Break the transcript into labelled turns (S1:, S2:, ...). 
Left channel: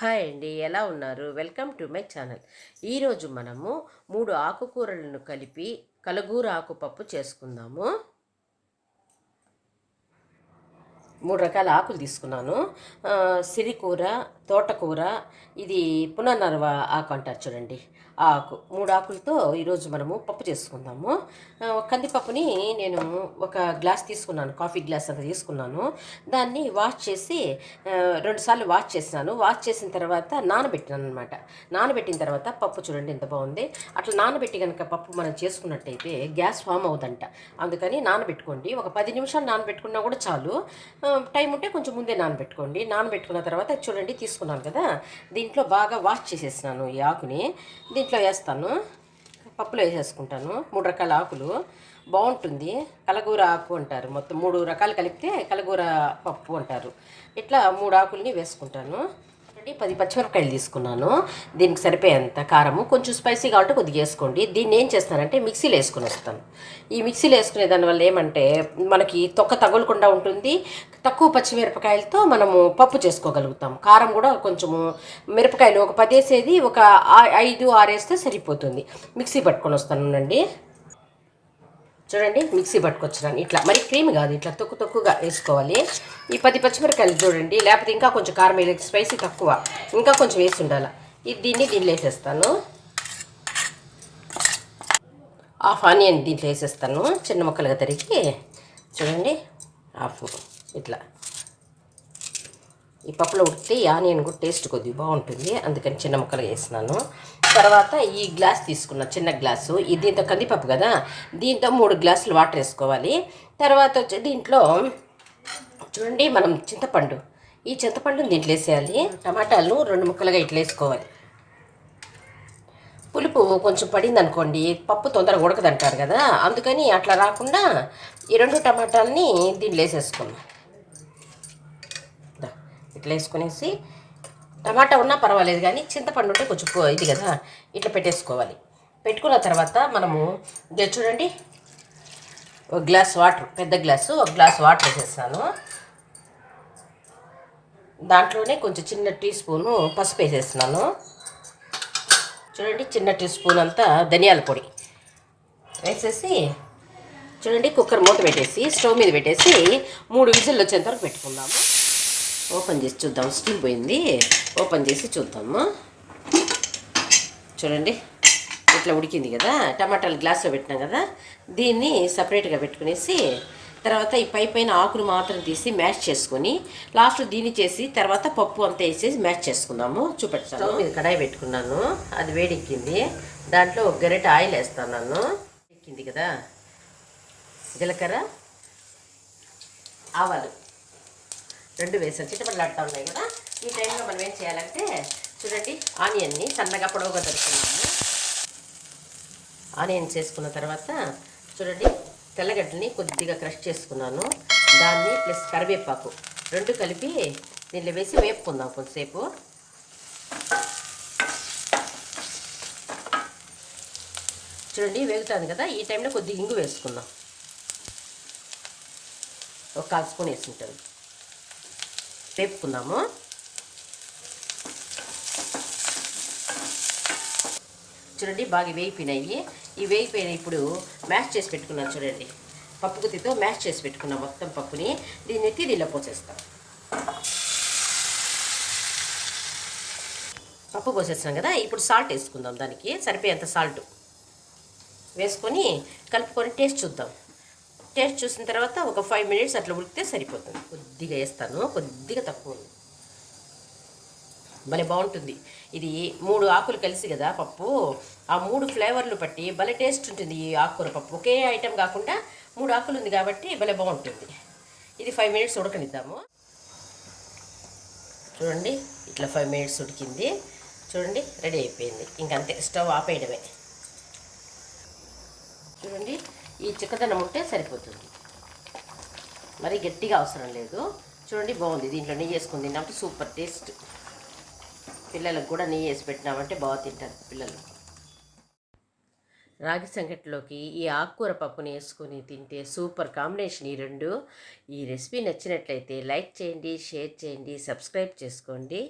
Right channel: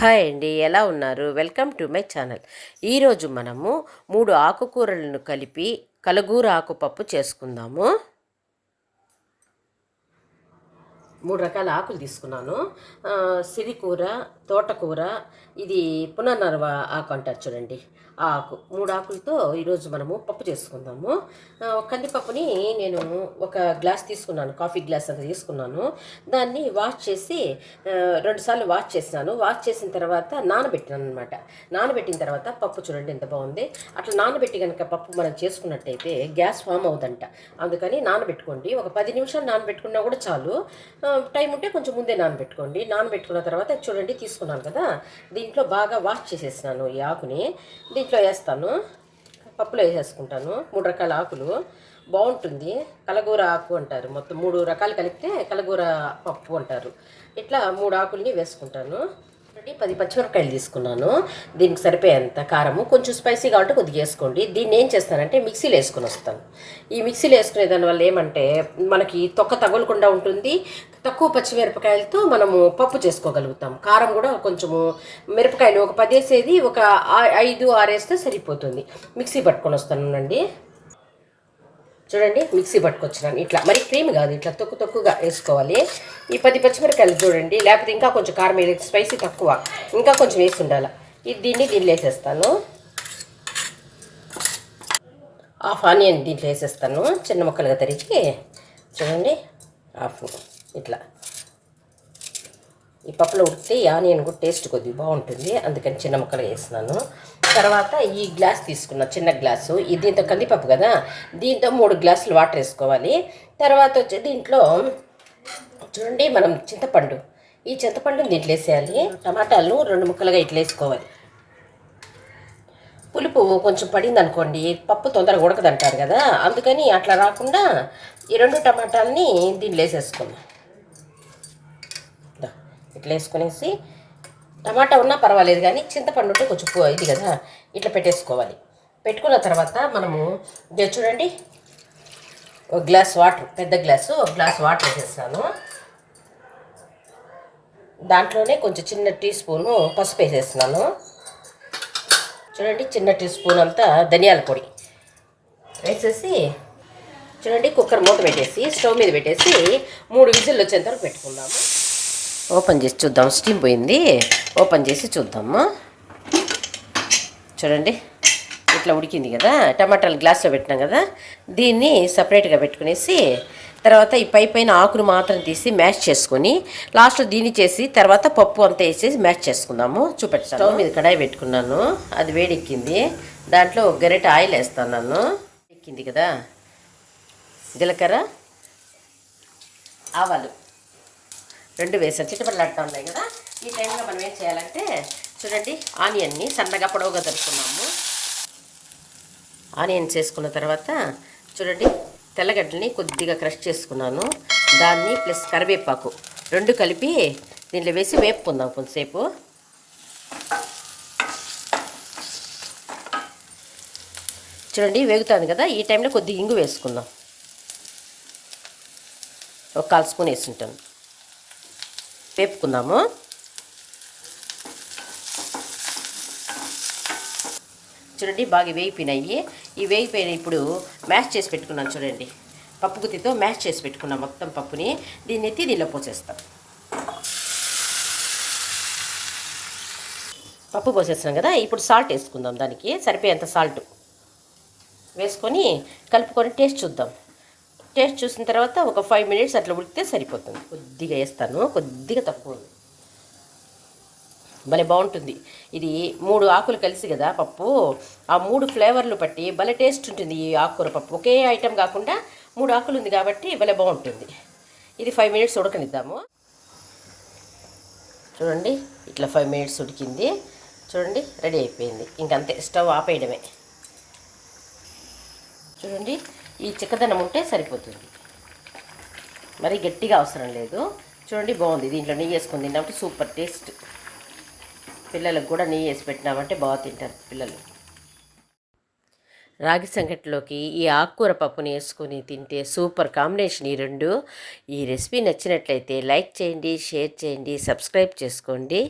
S1: Hi అండి ఎలా ఉన్నారు? Welcome to my channel. ఈరోజు మనము మూడు ఆకుకూరలను కలిపి కలగూర ఆకుపప్పు చేసుకుందాము. మూడు రకాల ఆకులు తీసుకున్నాను. సిరికూర తోటకూర ఇది పునర్నర్వ ఆకు అంటారు చూడండి. ఆ ఆకు మూడు ఆకులతో ఈరోజు మనము పప్పు చేసుకుందాము. కందిపప్పుని నేను ఒక గ్లాస్ తీసుకున్నాను కాఫీ గ్లాస్ అంత తీసుకున్నాను. దాన్ని వాష్ చేసి రెండుసార్లు వాష్ చేసినాను వాష్ చేసిన తర్వాత నానబెట్టినాను అనమాట నానబెట్టిన తర్వాత పప్పు చూడండి ఎంత బాగుంది. అట్లా నానబెట్టి కనుక పప్పు మనం చేసుకున్నట్టయితే గ్యాస్ ఫామ్ అవుదంట. అందుకని నానబెట్టుకోండి. ఒక పది నిమిషాలు నానబెట్టుకున్నా కూడా చాలు. టైం ఉంటే కొంచెం ముందే నానబెట్టుకోండి. నానబెట్టుకున్న తర్వాత చూడండి తీసుకున్నాను కదా దీంట్లో బాగా వాష్ చేసేసినాను ఈ ఆకుని. దీంట్లో వేస్తాను పప్పులో వేసేసుకుంటాను మూడు రకాల ఆకులు. బాగుంటుంది కలగూర ఆకు అంటారు. మొత్తం మూడు రకాలు కలిపితే కలగూర పప్పు అంటారు. ఇట్లా మూడు ఆకుల్ని వేసుకుంటాను. ఒకటి పది పచ్చిమిరపకాయలు తీసుకున్నాను. దీనికి సరిపోయేంత కారము. కొంచెం స్పైసీగా ఉంటే కొద్దిగా వేసుకోండి. దీన్ని ఏం చేస్తానంటే మిక్సీలో వేసుకొని వస్తాను. ఈ మిక్సీలో వేసుకునే దానివల్ల ఏమంటే మనకి తొక్క తగలకుండా ఉంటుంది. తక్కువ పచ్చిమిరపకాయలతో మనము పప్పు చేసుకోగలుగుతాం. కారం కూడా కొంచెము మిరపకాయలు ఒక పదేసేది ఒక ఆ- ఐదు ఆరేస్తే సరిపోతుంది. మిక్సీ పట్టుకొని వస్తానండి. చూడండి మిక్సీ పట్టుకొచ్చినాను. ఇట్లా మరి క్రీమ్ కాదు ఇట్లా తొక్కు తొక్కుగా వేసుకోవాలి. ఈ పది పచ్చిమిరకాయలు చూడండి లేకపోతే ఇంకా కొంచెం కారం వేయలేదు స్పైసీ తక్కువ. ఇంకా కొంచెం వేసి ఉండాలి. ఇది దీన్ని దీనిలో వేసేస్తాను. హాఫ్ ఆనియన్ దీంట్లో వేసేస్తాను చిన్న ముక్కలుగా తరిగి. చూడండి హాఫ్ ఇట్లా. ఈ పప్పులో ఉడితే ఆనియన్ కూడా టేస్ట్ కొద్దిగా బాగుంటుంది. అందుకని చిన్న ముక్కలు వేసినాను. తర్వాత ఈ గ్లాస్ తీసుకున్న చిన్న గ్లాసు ఇది దీంతో కందిపప్పు కదా దీంతో మూడు గ్లాసులు వాటర్ వేసుకోవాలి. తర్వాత వచ్చి దీంట్లో చూడండి మనం చింతపండు ఈ చింతపండుని దీంట్లో వేసేయాలి. టమాటాలు రెండు ముక్కలుగా ఇట్లా వేసుకోవాలి. పులుపు కొంచెం పడింది అనుకోండి పప్పు తొందరగా ఉడకదంటారు కదా అందుకని అట్లా రాకుండా ఈ రెండు టమాటాలని దీంట్లో వేసేసుకుందాం. ఇట్లా వేసుకునేసి టమాటా ఉన్నా పర్వాలేదు కానీ చింతపండు ఉంటే కొంచెం ఇది కదా ఇట్లా పెట్టేసుకోవాలి. పెట్టుకున్న తర్వాత మనము చూడండి ఒక గ్లాస్ వాటర్ పెద్ద గ్లాసు ఒక గ్లాస్ వాటర్ వేసేస్తాను. దాంట్లోనే కొంచెం చిన్న టీ స్పూను పసుపు వేసేస్తున్నాను. చూడండి చిన్న టీ స్పూన్ అంతా ధనియాల పొడి వేసేసి చూడండి కుక్కర్ మూత పెట్టేసి స్టవ్ మీద పెట్టేసి మూడు విజిల్లు వచ్చేంత వరకు పెట్టుకుందాము. ఓపెన్ చేసి చూద్దాం. స్టీమ్ పోయింది. ఓపెన్ చేసి చూద్దాము. చూడండి. ఇట్లా ఉడికింది కదా. టమాటాలు గ్లాస్లో పెట్టినాం కదా. దీన్ని సపరేట్గా పెట్టుకునేసి తర్వాత ఈ పై పైన ఆకును మాత్రం తీసి మ్యాష్ చేసుకొని లాస్ట్లో దీన్ని చేసి తర్వాత పప్పు అంతా వేసేసి మ్యాష్ చేసుకుందాము. చూపెట్టాను స్టవ్ మీద కడాయి పెట్టుకున్నాను. అది వేడెక్కింది. దాంట్లో ఒక గరిట ఆయిల్ వేస్తాను ఎక్కింది కదా. జీలకర్ర ఆవాలు. రెండు వేసాను చిట్టపడలాడుతూ ఉన్నాయి కదా. ఈ టైంలో మనం ఏం చేయాలంటే చూడండి ఆనియన్ని సన్నగా పొడవుగా తరుపుకున్నాము ఆనియన్స్ వేసుకున్న తర్వాత చూడండి తెల్లగడ్డల్ని కొద్దిగా క్రష్ చేసుకున్నాను. దాన్ని ప్లస్ కరివేపాకు రెండు కలిపి దీంట్లో వేసి వేపుకుందాం కొంతసేపు. చూడండి వేగుతుంది కదా. ఈ టైంలో కొద్దిగా ఇంగు వేసుకుందాం. ఒక కాల్ స్పూన్ వేసుంటాను వేపుకుందాము. చూడండి బాగా వేగిపోయినాయి. ఈ వేగిపోయిన ఇప్పుడు మ్యాష్ చేసి పెట్టుకున్నాను చూడండి. పప్పు గుత్తితో మ్యాష్ చేసి పెట్టుకున్నాం మొత్తం పప్పుని. దీన్ని ఎత్తి దీనిలో పోసేస్తాం. పప్పు పోసేస్తున్నాం కదా ఇప్పుడు సాల్ట్ వేసుకుందాం దానికి. సరిపోయేంత సాల్ట్ వేసుకొని కలుపుకొని టేస్ట్ చూద్దాం. టేస్ట్ చూసిన తర్వాత ఒక ఫైవ్ మినిట్స్ అట్లా ఉడికితే సరిపోతుంది. కొద్దిగా వేస్తాను. కొద్దిగా తక్కువ ఉంది. భలే బాగుంటుంది. ఇది మూడు ఆకులు కలిసి కదా పప్పు. ఆ మూడు ఫ్లేవర్లు పట్టి భలే టేస్ట్ ఉంటుంది ఈ ఆకుకూర పప్పు. ఒకే ఐటెం కాకుండా మూడు ఆకులు ఉంది కాబట్టి భలే బాగుంటుంది. ఇది ఫైవ్ మినిట్స్ ఉడకనిద్దాము. చూడండి ఇట్లా ఫైవ్ మినిట్స్ ఉడికింది. చూడండి రెడీ అయిపోయింది. ఇంకంతే స్టవ్ ఆపేయడమే. చూడండి ఈ చిక్కదనం ఉంటే సరిపోతుంది. మరి గట్టిగా అవసరం లేదు. చూడండి బాగుంది. దీంట్లో నెయ్యి వేసుకుని తిన్నామంటే సూపర్ టేస్ట్. పిల్లలకు కూడా నెయ్యి వేసి పెట్టినామంటే బాగా తింటారు పిల్లలు. రాగి సంగటిలోకి ఈ ఆకుకూర పప్పుని వేసుకొని తింటే సూపర్ కాంబినేషన్ ఈ రెండు. ఈ రెసిపీ నచ్చినట్లయితే లైక్ చేయండి షేర్ చేయండి సబ్స్క్రైబ్ చేసుకోండి.